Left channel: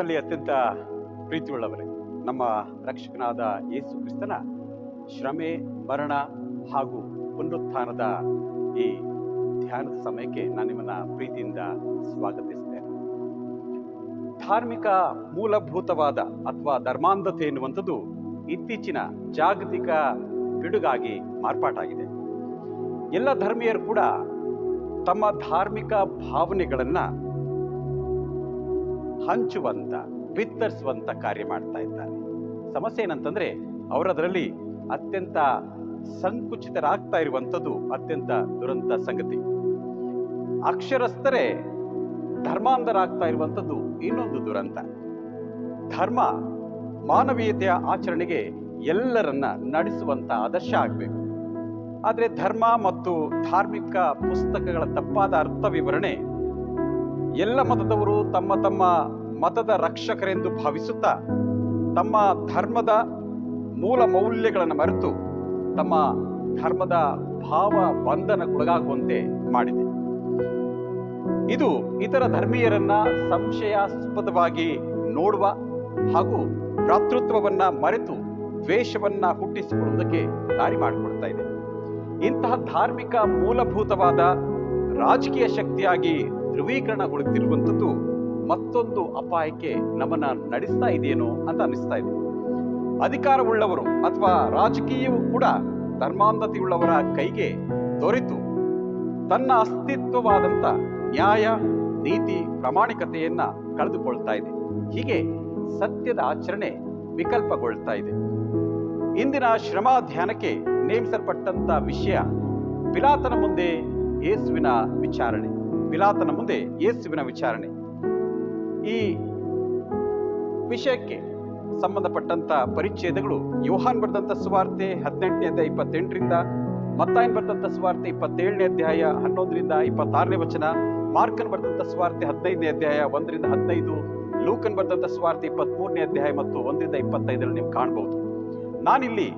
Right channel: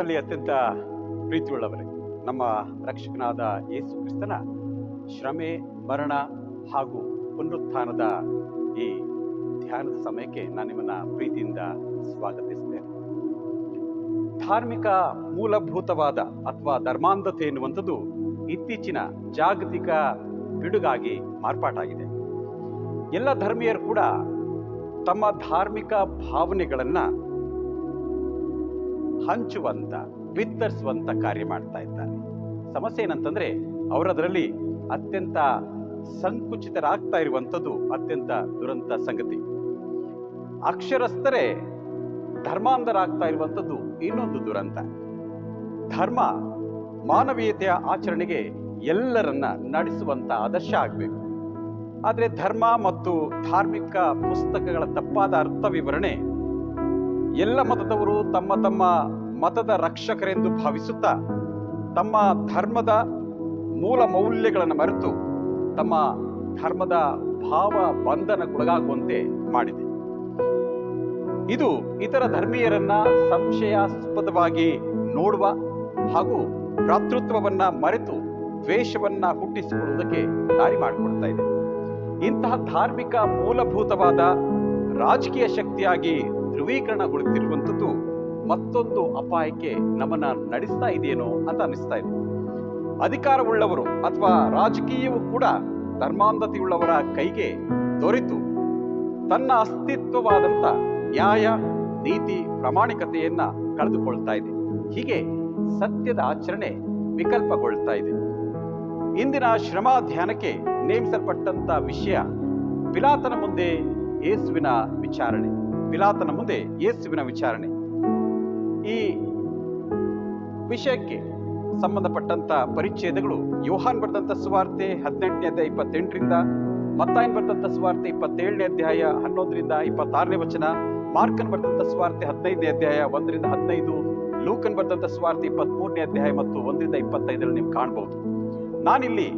ಕರ್ತನಲ್ಲಿ ಅತ್ಯಂತ ಪ್ರೀತಿಯುಳ್ಳವರೇ, ನಮ್ಮ ರಕ್ಷಕನಾದ ಯೇಸು ಕ್ರಿಸ್ತನ ಶ್ರಮೆ, ಮರಣ ಹಾಗೂ ಪುನರುತ್ಥಾನದ ಈ ಧ್ಯಾನದ ಸಮಯಕ್ಕೆ ನಾನು ನಿಮ್ಮನ್ನ ಪ್ರೀತಿಯಿಂದ ಸ್ವಾಗತಿಸ್ತೇನೆ. ಧಾರ್ಮಿಕ ಮೂಲಭೂತವಾದ ಅಥವಾ ಧರ್ಮಾಂಧತೆ ಎನ್ನುವಂಥದ್ದು ಇತ್ತೀಚಿನ ಜಾಗತಿಕ ಪಿಡುಗಾಗಿ ಮಾರ್ಪಾಟಾಗಿದೆ. ಎಲ್ಲ ಧರ್ಮೀಯರು ಕೂಡ ತಮ್ಮ ಧಾರ್ಮಿಕ ಭಾವನೆಗಳನ್ನ ಹಂಚುವಂತ, ಬಿತ್ತರಿಸುವಂತ ಕಾರ್ಯ ಮಾಡ್ತಾ ಇದ್ದಾರೆ. ಸಮಸ್ಯೆ ಏನಂತಂದ್ರೆ ಅವರದರಲ್ಲಿ ಅತ್ಯಂತ ಸಂಕುಚಿತರಾಗ್ತಾ ಇರುವಂಥದ್ದು ಅತ್ಯಂತ ದುರಂತ ಸಂಗತಿ. ಅಕ್ಷರಸ್ಥರೇ ಧರ್ಮಾಂಧರಾಗ್ತಾ ಇರುವಂಥದ್ದು ಇನ್ನೊಂದು ದುರಂತ. ಧರ್ಮ ಮಾನವೀಯತೆಯ ಆಚರಣೆಗೆ ಎಲ್ಲರನ್ನ ನಡೆಸುವಂತ ಆದರ್ಶ ಆಗ್ಬೇಕು. ಆದ್ರೆ ಧರ್ಮ ಮತ್ತು ಧಾರ್ಮಿಕ ಪುಸ್ತಕಗಳ ತಪ್ಪಾದ ಅರ್ಥ ವಿವರಣೆ ಎಲ್ಲ ಮತದವರು ತಮ್ಮ ತಮ್ಮ ಮತದ ರಕ್ಷಕರೆಂದು ಭಾವಿಸುತ್ತಾ ತಮ್ಮ ಧರ್ಮದ ಮೂಲ ಮೌಲ್ಯಗಳನ್ನು ಮರೆತು ತಮ್ಮ ಧರ್ಮದ ಭಾವ ಬಂಧನಕ್ಕೊಳಗಾಗುವಂತೆ ಮಾಡಿದೆ. ಇದು ಇತರ ಧರ್ಮೀಯರನ್ನ ಸಂಶಯಾಸ್ಪದವಾಗಿ ನೋಡುವ ಹಾಗೂ ಭ್ರಾತೃತ್ವವನ್ನ ಮರೆತು ದ್ವೇಷವನ್ನ ಹುಟ್ಟಿಸಿಕೊಳ್ಳುವುದಕ್ಕೆ ದಾರಿ ಮಾಡಿಕೊಡ್ತಾ ಇದೆ. ಇಂತಹ ಧಾರ್ಮಿಕ ಮೂಲಭೂತವಾದ ರಾಜಕೀಯ ಶಕ್ತಿಯಾಗಿ ಧ್ರುವೀಕರಣಗೊಳ್ಳುತ್ತಿರುವಂಥದ್ದು ಮತ್ತೊಂದು ಅಪಾಯಕ್ಕೆ ನಮ್ಮನ್ನ ನಡೆಸ್ತಾ ಇದೆಯೇನೋ ಅಂತ ಅನಿಸ್ತಾ ಇದೆ. ಅಧಿಕಾರವುಳ್ಳವರು ಅಥವಾ ರಾಜಕೀಯವು ಕೂಡ ಧರ್ಮಾಂಧತೆಯುಳ್ಳವರ ಕೈಗೆ ದೊರೆತು ತನ್ನ ಅಸ್ತಿತ್ವವಾದಂಥ ನ್ಯಾಯ, ನೀತಿ, ಪ್ರಾಮಾಣಿಕತೆಯನ್ನ ಕಳೆದುಕೊಳ್ತಾ ಇದೆ. ಹೀಗೆ ಸತ್ಯದ ಆಚರಣೆ ವಿಕಲ್ಪಗೊಳ್ತಾ ಇದೆ. ಇಂದಿನ ಶ್ರಮ ಧ್ಯಾನಕ್ಕೆ ನೇಮಿಸಲ್ಪಟ್ಟಂತ ವಿಷಯ ಪಿಲಾತನ ಮುಂದೆ ಯೇಸುವಿನ ವಿಚಾರಣೆ. ಪಿಲಾತನ ಮುಂದೆ ಯೇಸುವಿನ ವಿಚಾರಣೆ. ಈ ವಿಷಯಕ್ಕೆ ಸಂಬಂಧಪಟ್ಟಂತ ಪರಿಚ್ಛೇದಗಳು ಯೋಹಾನ್ ಬರೆದಂತ ಸುವಾರ್ತೆ 18ನೇ ಅಧ್ಯಾಯ 28ರಿಂದ, ಮತ್ತಾಯನ್ ಬರೆದಂತ ಸುವಾರ್ತೆ 27ನೇ ಅಧ್ಯಾಯ 11ರಿಂದ 26ನೇ ವಚನ, ಮಾರ್ಕನ್ ಬರೆದಂತ ಸುವಾರ್ತೆ 15ನೇ ಅಧ್ಯಾಯ 1ರಿಂದ 15, ಲೂಕನ್ ಬರೆದಂತ ಸುವಾರ್ತೆ 23ನೇ ಅಧ್ಯಾಯ ಮತ್ತು 1ರಿಂದ 25ರಲ್ಲಿ ನೀವು ಕಾಣಬಹುದು. ನಾನಿಲ್ಲಿ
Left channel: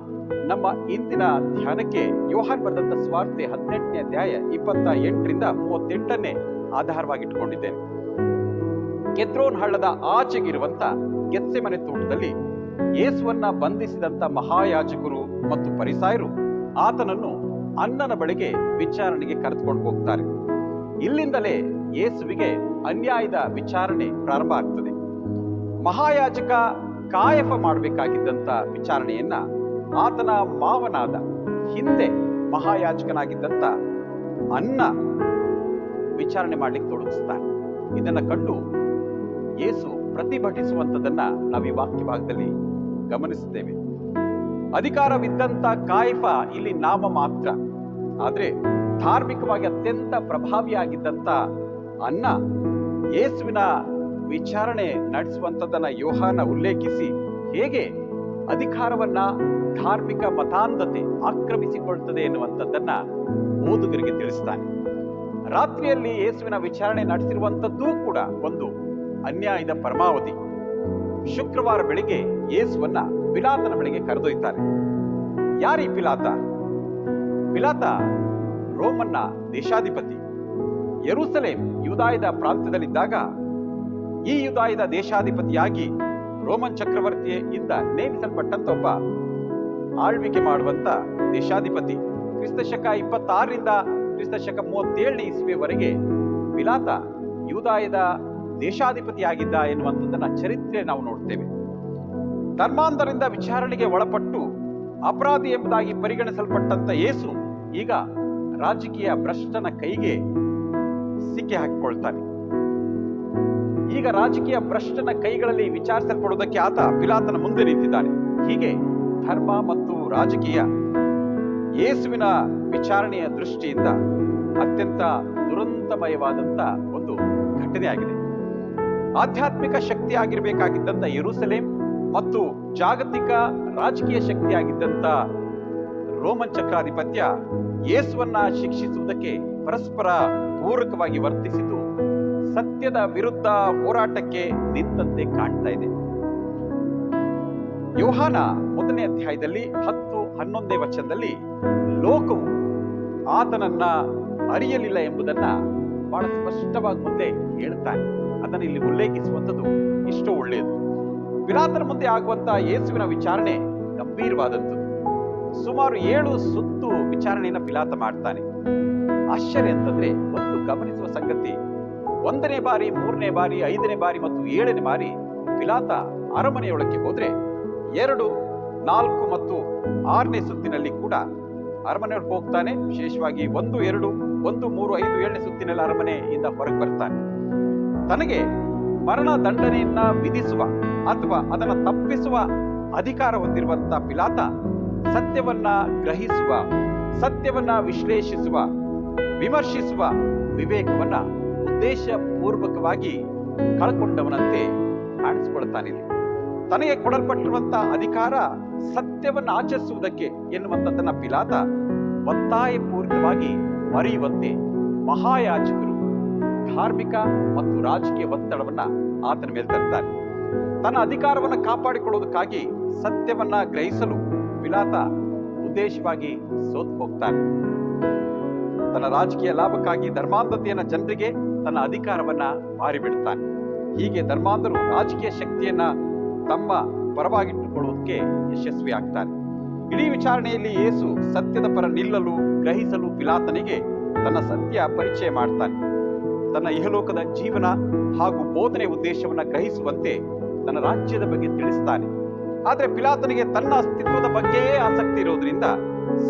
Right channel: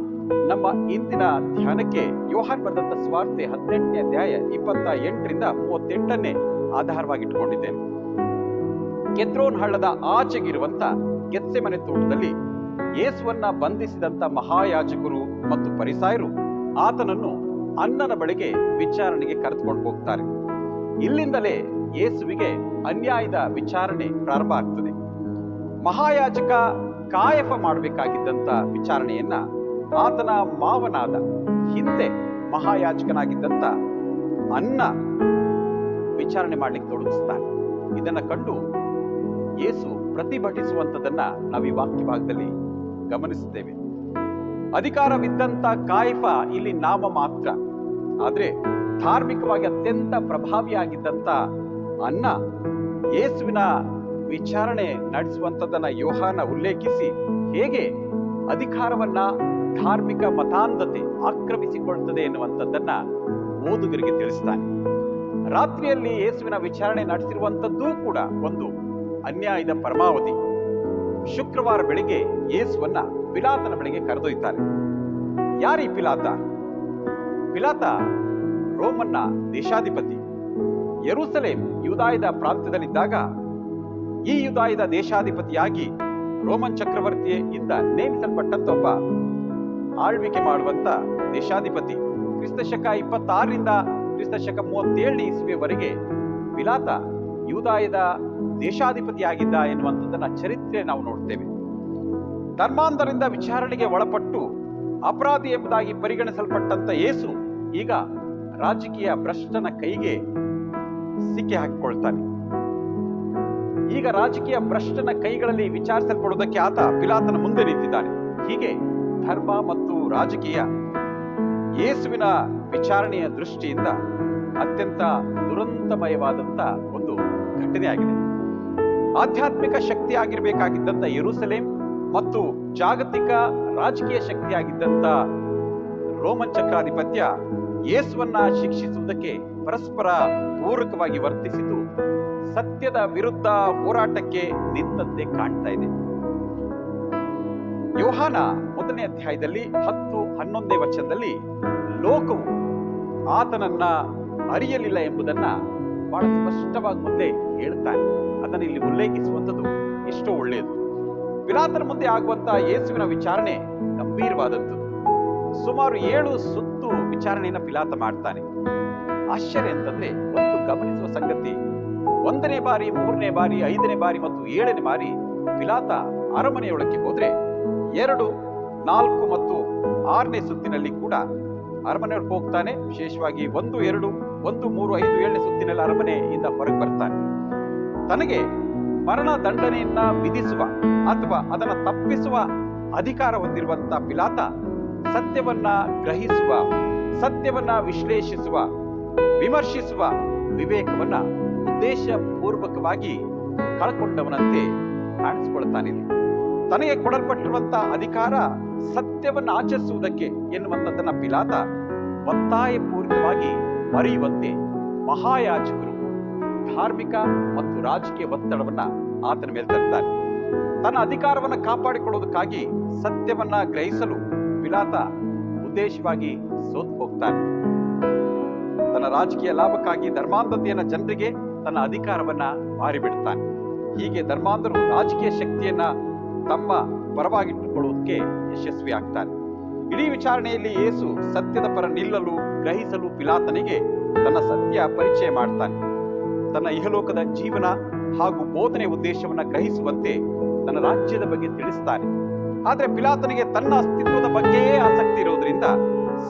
ನಮ್ಮ ಇಂದಿನ ಧ್ಯಾನಕ್ಕೆ ಯೋಹಾನ್ ಬರೆದಂತ ಸುವಾರ್ತೆ 18ನೇ ಅಧ್ಯಾಯ 28ರಿಂದ 38ನ್ನೇ ಆಧಾರವಾಗಿಟ್ಟುಕೊಂಡಿದ್ದೇನೆ. ಕೆದ್ರೋನ್ ಹಳ್ಳದ ಆಚೆಗಿರುವಂತ ಗೆತ್ಸೆಮನೆ ತೋಟದಲ್ಲಿ ಯೇಸುವನ್ನ ಬಂಧಿಸಿದಂತ ಮಹಾಯಾಜಕರು ಮತ್ತು ಫರಿಸಾಯರು ಆತನನ್ನು ಅನ್ನನ ಬಳಿಗೆ ವಿಚಾರಣೆಗೆ ಕರೆದುಕೊಂಡು ಹೋಗ್ತಾರೆ. ಇಲ್ಲಿಂದಲೇ ಯೇಸುವಿಗೆ ಅನ್ಯಾಯದ ವಿಚಾರಣೆ ಪ್ರಾರಂಭ ಆಗ್ತದೆ. ಮಹಾಯಾಜಕ ಕಾಯಫ ಮಾಡಬೇಕಾಗಿದ್ದಂತ ವಿಚಾರಣೆಯನ್ನ ಆತನ ಮಾವನಾದ, ಹಿಂದೆ ಮಹಾಯಾಜಕನಾಗಿದ್ದಂತ ಅನ್ನ ವಿಚಾರಣೆ ಮಾಡ್ಲಿಕ್ಕೆ ತೊಡಗಿಸ್ತಾನೆ. ಇದನ್ನ ಕಂಡು ಯೇಸು ಪ್ರತಿಭಟಿಸುವಂಥದ್ದನ್ನ ನಾವು ಈ ವಾಕ್ಯ ಭಾಗದಲ್ಲಿ ಗಮನಿಸುತ್ತೇವೆ. ಅಧಿಕಾರವಿದ್ದಂತ ಕಾಯಫ ಇಲ್ಲಿ ನಾಮ ಮಾತ್ರ, ಆದ್ರೆ ಧಾರ್ಮಿಕವಾಗಿ ಅತ್ಯಂತ ಪ್ರಭಾವಿಯಾಗಿದ್ದಂತ ಅನ್ನ ಯೇಸುವಿನ ವಿಚಾರಣೆ ನಡೆಸುವಂಥದ್ದನ್ನ ಯೋಹಾನ ಉಲ್ಲೇಖಿಸಿ ಹೇಗೆ ಅಧಿಕಾರವನ್ನ ಧಾರ್ಮಿಕ ಮತಾಂಧತೆ ಆಕ್ರಮಿಸಿಕೊಳ್ತದೆ ಎನ್ನುವಂಥದ್ದನ್ನ ಓದುಗರಿಗೆ ತಿಳಿಸ್ತಾನೆ. ರಾತ್ರಿಯಲ್ಲಿ ಯೇಸುವಿನ ವಿಚಾರಣೆ ನಡೆಸಿರುವಂಥದ್ದೂ ಕೂಡ ಒಂದು ಅನ್ಯಾಯದ ಪರಮಾವಧಿ. ಶುಕ್ರವಾರ ಬೆಳಿಗ್ಗೆ ಯೇಸುವನ್ನ ಪಿಲಾತನ ಬಳಿಗೆ ಕರೆದೊಯ್ತಾರೆ. ಯಾರೀ ಪಿಲಾತ? ಪಿಲಾತ ರೋಮನ್ನ ದೇಶಾಧಿಪತಿ. ಯೆರೂಸಲೇಮ್ ಯೂದಾಯದ ಪ್ರಾಂತ್ಯದಲ್ಲಿದ್ದಾಗ ಈ ಯೂದಾಯದ ದೇಶಾಧಿಪತಿಯಾಗಿ ರೋಮನ್ ಚಕ್ರವರ್ತಿಯಿಂದ ನೇಮಿಸಲ್ಪಟ್ಟಂತ ಒಬ್ಬ ಆಳ್ವಿಕೆ ಮಾಡುವಂತ ದೇಶಾಧಿಪತಿ. ಕ್ರಿಸ್ತಶಕ 26ರಿಂದ ಕ್ರಿಸ್ತಶಕ 37ನೇ ಇಸ್ವಿಯವರೆಗೆ ಪಿಲಾತ ಯೂದಾಯದ ದೇಶಾಧಿಪತಿಯಾಗಿದ್ದ ಎನ್ನುವಂಥದ್ದನ್ನ ಚರಿತ್ರೆ ನಾವು ನೋಡ್ತೇವೆ. ಧರ್ಮಾಂಧರಿಂದ ವಿಚಾರಣೆಗೆ ಒಳಪಟ್ಟು ಅಪರಾಧಿ ಎಂಬುದಾಗಿ ಪರಿಗಣಿಸಲ್ಪಟ್ಟಂತ ಯೇಸು ಈಗ ರಾಜಕೀಯ ಭ್ರಷ್ಟನ ಕೈಗೆ ಸಿಕ್ಕಿ ಹಾಕಿಕೊಳ್ತಾನೆ. ಈಗ ರಾಜಕೀಯ ಭ್ರಷ್ಟನ ಕೈಗಳಲ್ಲಿ ವಿಚಾರಿಸಲ್ಪಡುವುದಕ್ಕೆ ಆತ ಪಿಲಾತನ ಮುಂದೆ ನಿಂತಿದ್ದಾನೆ. ಹೀಗೆ ಧರ್ಮ ಮತ್ತು ರಾಜಕೀಯ ಯೇಸುವಿನ ವಿಚಾರಣೆಯ ದೃಷ್ಟಿಯಿಂದ ಅತ್ಯಂತ ದುರಂತಮಯವಾದಂತ ಒಂದು ಘಟನೆ ಆಗಿದೆ. ಆಧ್ಯಾತ್ಮಿಕ ಶಕ್ತಿಯಾಗಿರ್ಬೇಕಾಗಿದ್ದಂತ ಯೆರೂಸಲೇಮ್ ಮತ್ತು ಜಾಗತಿಕ ರಾಜಕೀಯ ಶಕ್ತಿಯಾಗಿದ್ದಂತ ರೋಮನ್ ಚಕ್ರಾಧಿಪತ್ಯ ಯೇಸುವನ್ನ ಶಿಕ್ಷಿಸುವುದಕ್ಕೆ ಪರಸ್ಪರ ಪೂರಕವಾಗಿ ವರ್ತಿಸಿದ್ದು ಸತ್ಯದ ವಿರುದ್ಧ ಹೋರಾಟಕ್ಕೆ ನಿಂತಂತೆ ಕಾಣ್ತಾ ಇದೆ. ಯೋಹಾನ 1ನೇ ಅಧ್ಯಾಯದಲ್ಲಿ 10-11ನೇ ವಚನದಲ್ಲಿ ಲೋಕವು ಆತನನ್ನ ಅರಿಯಲಿಲ್ಲ ಎಂಬುದನ್ನ ಬಹಳ ಸ್ಪಷ್ಟವಾಗಿ ಮೊದಲೇ ಹೇಳ್ತಾನೆ. ಅದನ್ನು ಇಲ್ಲಿ ಉಲ್ಲೇಖಿಸುವಂಥದ್ದು ಇಷ್ಟೋ ಒಳ್ಳೆಯದು. ಪಿಲಾತನ ಮುಂದೆ ಆಗುವಂತ ಯೇಸುವಿನ ವಿಚಾರಣೆ ಗಂಭೀರವಾದಂಥದ್ದು. ಸುಮಾರು 7 ಸುತ್ತು ವಿಚಾರಣೆಯನ್ನ ಪಿಲಾತ ಮಾಡ್ತಾನೆ. ಆಶ್ಚರ್ಯ ಅಂತಂದ್ರೆ, ಒಂದು ಗಮನಿಸುವ ಸಂಗತಿ, 1ನೇ ಬಾರಿ, 3ನೇ ಬಾರಿ, 5ನೇ ಬಾರಿ ಮತ್ತು 7ನೇ ಬಾರಿ ಪಿಲಾತ ಅರಮನೆಯೊಳಕ್ಕೆ ಹೋದ್ರೆ 2, 4 ಮತ್ತು 6ನೇ ಸುತ್ತಿನಲ್ಲಿ ಕೂಡ ಅರಮನೆಯೊಳಗೆ ಹೋಗ್ತಾನೆ. ವಿಶೇಷವಾಗಿ 1, 2, 1, 3, 5, 7ನೇ ಸುತ್ತಿನಲ್ಲಿ ಅರಮನೆಯಿಂದ ಹೊರಗೆ ಬರ್ತಾನೆ. ತನಗೆ ಮರಣ ದಂಡನೆಯನ್ನ ವಿಧಿಸುವ ಅಥವಾ ಅದನ್ನ ತಪ್ಪಿಸುವ ಅಧಿಕಾರ ಹೊಂದಿರುವಂತ ಪಿಲಾತ ಸತ್ಯವನ್ನ ಗ್ರಹಿಸುವ, ಸತ್ಯವನ್ನ ವಿಶ್ಲೇಷಿಸುವ, ವಿಮರ್ಶಿಸುವ ವಿವೇಕವನ್ನ ಉದ್ದೇಶಪೂರ್ವಕವಾಗಿ ಕಳ್ಕೊಂಡವನಂತೆ ಕಾಣಿಸಿಕೊಳ್ತಾನಿಲ್ಲಿ. ತನಗೆ ಕೊಡಲ್ಪಟ್ಟಿರುವಂತ ಅಧಿಕಾರ ಸತ್ಯವನ್ನ ಆಚರಿಸುವುದಕ್ಕೆ ಎನ್ನುವಂಥದ್ದನ್ನ ಪಿಲಾತ ಒತ್ತಾಯಪೂರಿತವಾಗಿ ಮರೆಯುವಂತೆ ಮಹಾಯಾಜಕರು ಧಾರ್ಮಿಕ ಮತ್ತು ರಾಜಕೀಯ ಒತ್ತಡವನ್ನ ಆತನ ಮೇಲೆ ತರ್ತಾರೆ. ತನ್ನ ಅಧಿಕಾರವನ್ನ ಕಾಪಾಡಿಕೊಳ್ಳುವುದಕ್ಕಾಗಿ ಸತ್ಯವನ್ನ ಗ್ರಹಿಸಲು ಪಿಲಾತ ಉದ್ದೇಶವಾಗಿ ಸೋತು ಹೋಗ್ತಾನೆ. ತನ್ನ ರಾಜಕೀಯ ಲಾಭಕ್ಕಾಗಿ ಧರ್ಮಾಂಧತೆಯನ್ನ ಜನರಿಗೆ ತನ್ನ ಅಧಿಕಾರವನ್ನ ಮಾರಿಬಿಡ್ತಾನೆ. ಹೀಗೆ ಧರ್ಮಾಂಧರು ರಾಜಕೀಯ ಶಕ್ತಿಯನ್ನ ತಮ್ಮ ಪರವಾಗಿಟ್ಟುಕೊಳ್ಳುವುದಕ್ಕೆ ಯಶಸ್ವಿ ಆಗ್ತಾನೆ. ಇಡೀ ವಿಚಾರಣೆಯಲ್ಲಿ ಯೇಸು ಸತ್ಯದ ಪರ ನಿಲ್ಲಲು, ಗ್ರಹಿಸಲು ಪಿಲಾತನಿಗೆ ತನ್ನ ಸತ್ಯ ಪರಿಚಯ ಮಾಡ್ತಾನೆ. ತನ್ನ ಇಹಲೋಕದ ಜೀವನ ಹಾಗೂ ಬೋಧನೆ ಉದ್ದೇಶವನ್ನ ಗ್ರಹಿಸುವಂತೆ ತನ್ನ ರಾಜ್ಯದ ಬಗ್ಗೆ ತಿಳಿಸ್ತಾನೆ. ಆದ್ರೆ ಪಿಲಾತನಿಗೆ ತನ್ನ ಅಸ್ತಿತ್ವದ ಬಗ್ಗೆಯೇ ಆಸಕ್ತಿ ಇರೋದ್ರಿಂದ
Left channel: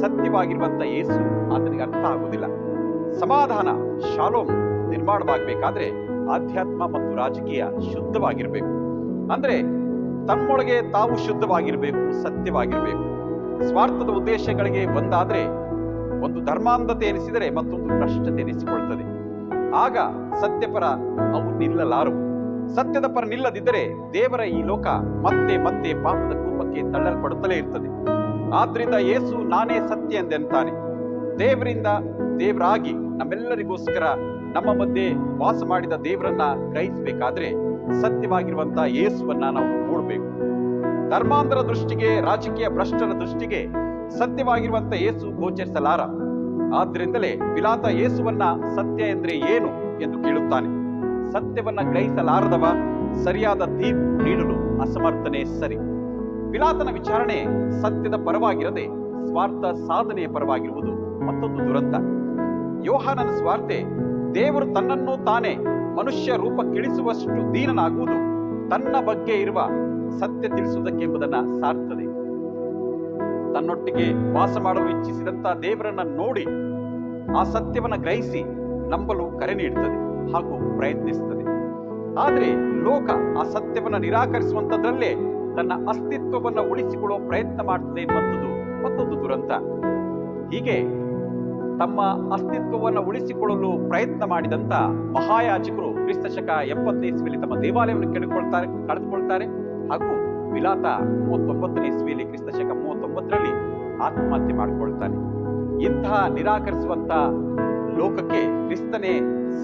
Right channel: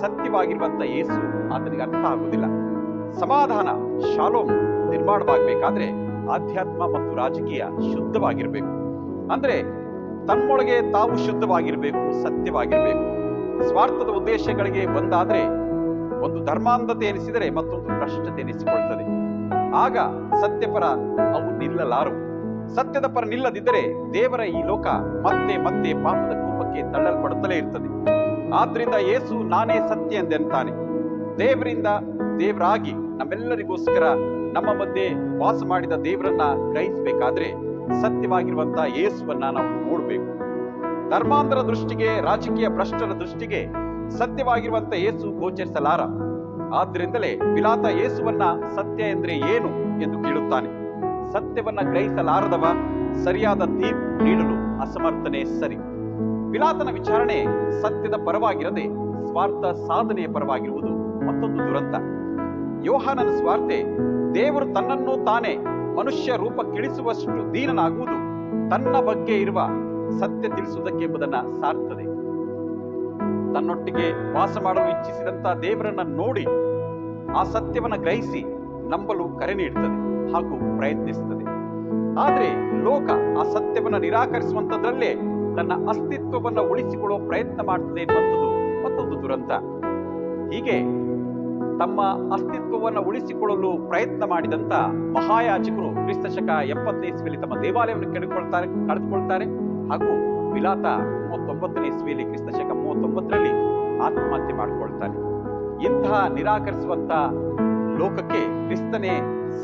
ಸತ್ಯವಾಗಿರುವಂತ ಯೇಸು ಆತನಿಗೆ ಅರ್ಥ ಆಗುವುದಿಲ್ಲ. ಸಮಾಧಾನ, ಶಾಲೋಮ್ ನಿರ್ಮಾಣವಾಗಬೇಕಾದ್ರೆ ಆಧ್ಯಾತ್ಮ ಮತ್ತು ರಾಜಕೀಯ ಶುದ್ಧವಾಗಿರ್ಬೇಕು. ಅಂದ್ರೆ ತಮ್ಮೊಳಗೆ ತಾವು ಶುದ್ಧವಾಗಿರ್ಬೇಕು, ಸತ್ಯವಾಗಿರ್ಬೇಕು. ಸ್ವಾರ್ಥದ ಉದ್ದೇಶಗಳಿಗೆ ಒಂದಾದ್ರೆ ಒಂದು ಧರ್ಮಾಂಧತೆ ಎನಿಸಿದರೆ ಮತ್ತೊಂದು ಭ್ರಷ್ಟತೆ ಎನಿಸಿಕೊಳ್ತದೆ. ಆಗ ಸತ್ಯಪರ ಅವು ನಿಲ್ಲಲಾರವು. ಸತ್ಯದ ಪರ ನಿಲ್ಲದಿದ್ದರೆ ದೇವರ ಈ ಲೋಕ ಮತ್ತೆ ಮತ್ತೆ ಪಾಪದ ಕೂಪಕ್ಕೆ ತಳ್ಳಲ್ಪಡುತ್ತಲೇ ಇರ್ತದೆ. ಆದ್ರಿಂದ ಯೇಸು ನಾನೇ ಸತ್ಯ ಎಂದೆಂತಾನೆ. ದೇವರಿಂದ ದೇವರಾಗಿ ನಮ್ಮೆಲ್ಲರಿಗೋಸ್ಕರ ನಮ್ಮ ಮಧ್ಯೆ ವಾಸ ಮಾಡಿದ ದೇವರನ್ನ ಗ್ರಹಿಸಬೇಕಾದ್ರೆ ಸತ್ಯವಾಗಿರುವಂತ ಯೇಸುವನ್ನ ನಾವು ನೋಡ್ಬೇಕು. ಧರ್ಮಾಂಧರ ದೃಷ್ಟಿಗೆ, ರಾಜಕೀಯ ಭ್ರಷ್ಟರ ದೃಷ್ಟಿಗೆ ಸತ್ಯವಾಗಿರುವಂತ ಯೇಸು ಗೋಚರಿಸಲಾರ. ಆದ್ರಿಂದಲೇ ಪಿಲಾತ ಯೇಸುವನ್ನ ಸತ್ಯ ಎಂದ್ರೆ ಏನು ಎಂದು ಕೇಳುತ್ತಾನೆ. ಸತ್ಯವನ್ನ ಗ್ರಹಿಸಲಾರದವ ಸರಿಯಾದ ತೀರ್ಪು ನೀಡಲು ಅಸಮರ್ಥನೆ ಸರಿ. ಪಿಲಾತನ ವಿಚಾರಣೆ ಸತ್ಯದ ಪರವಾಗಿರದೆ ಸ್ವಾರ್ಥ ಸಾಧನೆಯ ಪರವಾಗಿರುವುದು ಮತ್ತೊಂದು ದುರಂತ. ಯೋಹಾನನ ಸ್ವಾರ್ತೆ ದೇವರು ತನ್ನನ್ನು ತಾನೇ ಮನುಷ್ಯ ರೂಪಕ್ಕಿಳಿಸುವಷ್ಟು ದೀನನಾಗುವುದು ತನ್ನ ಬಗ್ಗೆ ಇರುವ ಸತ್ಯ ತಿಳಿಸುವುದಕ್ಕೆ ಎಂಬುದನ್ನ ಸಾರ್ತದೆ. ತನ್ನೊಟ್ಟಿಗೆ ವಾಸ ಮಾಡಲು ಇಚ್ಛಿಸಿದಂತ ದೇವರನ್ನ ನೋಡಿ ಆ ಸತ್ಯವನ್ನ ಗ್ರಹಿಸಿ ನಂಬಲು ಕರೆ ನೀಡುತ್ತದೆ ಹಾಗೂ ಪ್ರಯತ್ನಿಸುತ್ತದೆ. ಆದ್ರೆ ಲೋಕ ಆ ಸತ್ಯವನ್ನ ನಿರಾಕರಿಸುವಂತದ್ರಲ್ಲೇ ತನ್ನ ಅಸ್ತಿತ್ವವನ್ನ ಉಳಿಸಿಕೊಳ್ಳುವ ಪ್ರಯತ್ನ ಮಾಡ್ತದೆ ಎನ್ನುವಂಥದ್ದು ಮತ್ತೊಂದು ದುರಂತ. ಹೀಗೆ ತಮ್ಮ ಅಸ್ತಿತ್ವವನ್ನು ಉಳಿಸಿಕೊಳ್ಳಲು ಪ್ರಯತ್ನ ಮಾಡಿದಂತ ಮಹಾಯಾಜಕರು ಕ್ರಿಸ್ತಶಕ 70ನೇ ಇಸ್ವಿಯಲ್ಲಿ ತಮ್ಮ ದೇವಾಲಯವನ್ನು ಕಳೆದುಕೊಳ್ತಾರೆ ಹಾಗೂ ಪಿಲಾತ 39ನೇ ಇಸ್ವಿಯಲ್ಲಿ ಕ್ರಿಸ್ತಶಕ 39ರಲ್ಲಿ ಆತ್ಮಹತ್ಯೆ ಮಾಡಿಕೊಳ್ತಾನೆ. ಇಂತಹ ನಿರಾಕರಿಸುವಂತ ಲೋಕಕ್ಕೆ ಕ್ರಿಸ್ತನೇ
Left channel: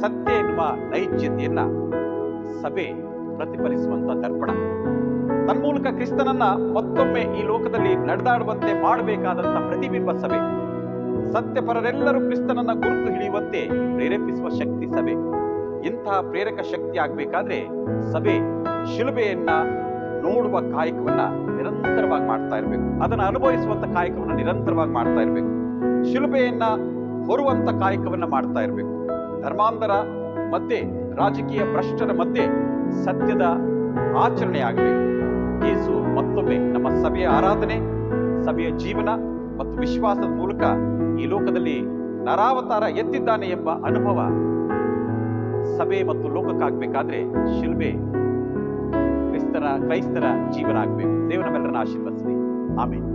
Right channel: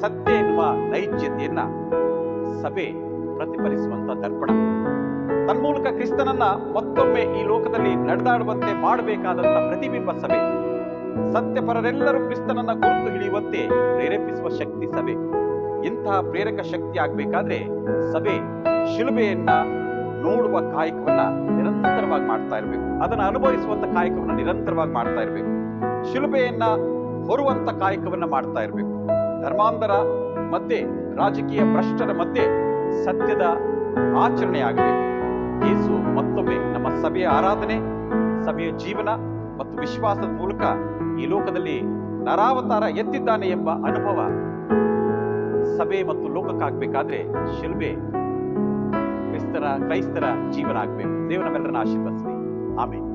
ಸತ್ಯ ಎನ್ನುವ ನೈಜ್ಯತೆಯನ್ನ ಸಭೆ ಪ್ರತಿಫಲಿಸುವಂತ ದರ್ಪಣ. ತನ್ಮೂಲಕ ಕ್ರಿಸ್ತನನ್ನ ಮತ್ತೊಮ್ಮೆ ಈ ಲೋಕದಲ್ಲಿ ನಡೆದಾಡುವಂತೆ ಮಾಡಬೇಕಾದಂತ ಪ್ರತಿಬಿಂಬ ಸಭೆ. ಸತ್ಯಪರರೆಲ್ಲರೂ ಕ್ರಿಸ್ತನನ್ನ ಗುರುತು ಹಿಡಿಯುವಂತೆ ಪ್ರೇರೇಪಿಸುವ ಶಕ್ತಿ ಸಭೆ. ಇಂತಹ ಪ್ರೇರಕ ಶಕ್ತಿ ಆಗ್ಬೇಕಾದ್ರೆ ಸಭೆ ಶಿಲುಬೆಯನ್ನ ನೋಡುವ ಕಾಯಕವನ್ನ ನಿರಂತರವಾಗಿ ಮಾಡ್ತಾ ಇರಬೇಕು. ಅದನ್ನ ಅನುಭವಿಸುವಂತ ಕಾಯಕವನ್ನ ನಿರಂತರವಾಗಿ ಮಾಡ್ತಾ ಇರಬೇಕು. ಶಿಲುಬೆಯನ್ನ ಹೊರುವಂತ ಕಾಯಕವನ್ನ ಮಾಡ್ತಾ ಇರಬೇಕು. ಧರ್ಮಾಂಧರ ಮಧ್ಯೆ, ರಾಜಕೀಯ ಭ್ರಷ್ಟರ ಮಧ್ಯೆ ಸತ್ಯದ ಆಚರಣೆ ಆಗಬೇಕು. ಯೇಸು ಮತ್ತೊಮ್ಮೆ ನಮ್ಮ ಸಭೆಯ ಆರಾಧನೆ, ಸಭೆಯ ಜೀವನ ಮತ್ತು ವಿಶ್ವಾಸದ ಮೂಲಕ ಈ ಲೋಕದಲ್ಲಿ ನರಾವತಾರ ಎತ್ತಿದ್ದಾನೆ ಎಂಬ ಅನುಭವ ಸಭೆ ಮತ್ತು ಲೋಕಕ್ಕಾಗಬೇಕಾದ್ರೆ ಶಿಲ್ಬೆ ಕ್ರೈಸ್ತರ ಜೀವನ ಆಗಬೇಕು. ದೇವರ ನಮ್ಮೆಲ್ಲರನ್ನ ಆಶೀರ್ವದಿಸಲಿ. ಆಮೇಲೆ